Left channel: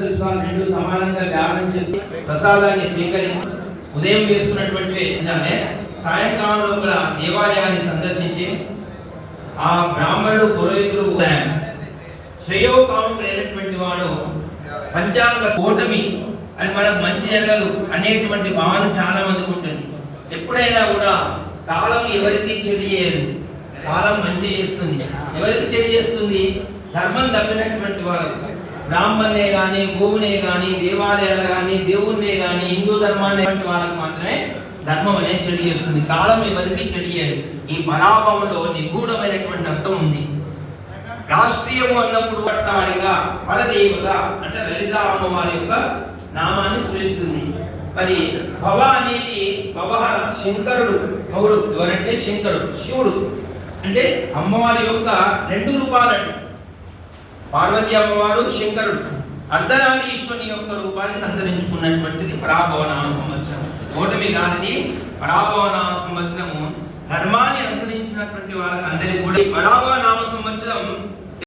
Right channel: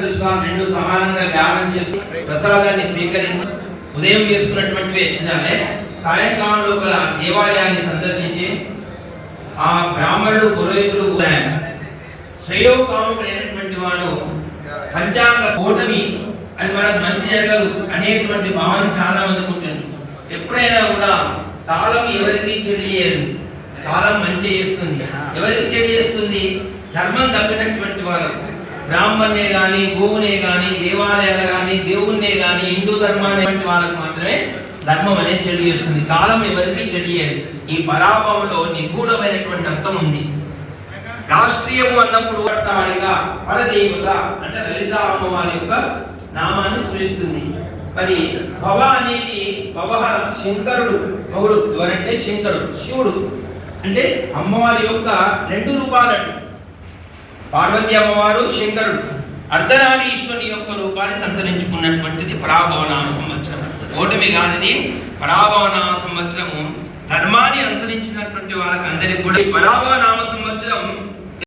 సమానంగా రెండు సమానంగా ధ్యానం చేసి ప్రసాదాన్ని స్వీకరించి ఉదయం చేసుకున్నటువంటి యజ్ఞాలే సాయంకాలం లోపల దేవాలయాన్ని సందర్శించి ఆ బ్రాహ్మణుడు పురోహితుడు శ్రేయోకాముడైనటువంటి వాడు పంచాంగ కూటమి అది మనకు మంచి జరగదు అనేటువంటి భావన చాలా మందికి ఉంటుంది. ఎప్పుడైనా కూడా కాలం ఎవరికి చెడు చేయదు, కాలం మంచి చేస్తుంది. ఎవరికి చెడు చేస్తుంది? ధర్మం తప్పినటువంటి వారు, బ్రాహ్మణ్ణే కానీ గోవునే కానీ దేవాలయాలు కానీ దేవుణ్ణే కానీ హిందూ ధర్మాన్ని వాళ్ళకు మాత్రమే ధర్మం అనేది చెడు చేస్తుంది. కాలం ఎవరికి చెడు చేయదు. ఈ పరాభవంలో నిగూఢమైనటువంటి అర్థం ఉంది. రాష్ట్రీయము అన్నప్పుడు పట్టాడిగా పరదేవత అంటే లలిత అమ్మవారి యొక్క నామాన్ని స్మరిస్తుంది. మరి భవ అనేది భవహర శంకరుడు, భవుడు ఎవరంటే శంకరుడు, శివుడు అంటే అమ్మవారి యొక్క రెండు రూపాలండి. పార్వతీ అమ్మవారు శంకరుడు అర్ధనారీశ్వరుని యొక్క రూపాన్ని సంతరించుకున్నటువంటిది పరాభవనామ సంవత్సరం. ఓటమి కానిది పరాభవనామ సంవత్సరము. ధర్మాన్ని అనుసరించినటువంటి వాళ్ళకి అందరికీ కూడా పరాభవనామ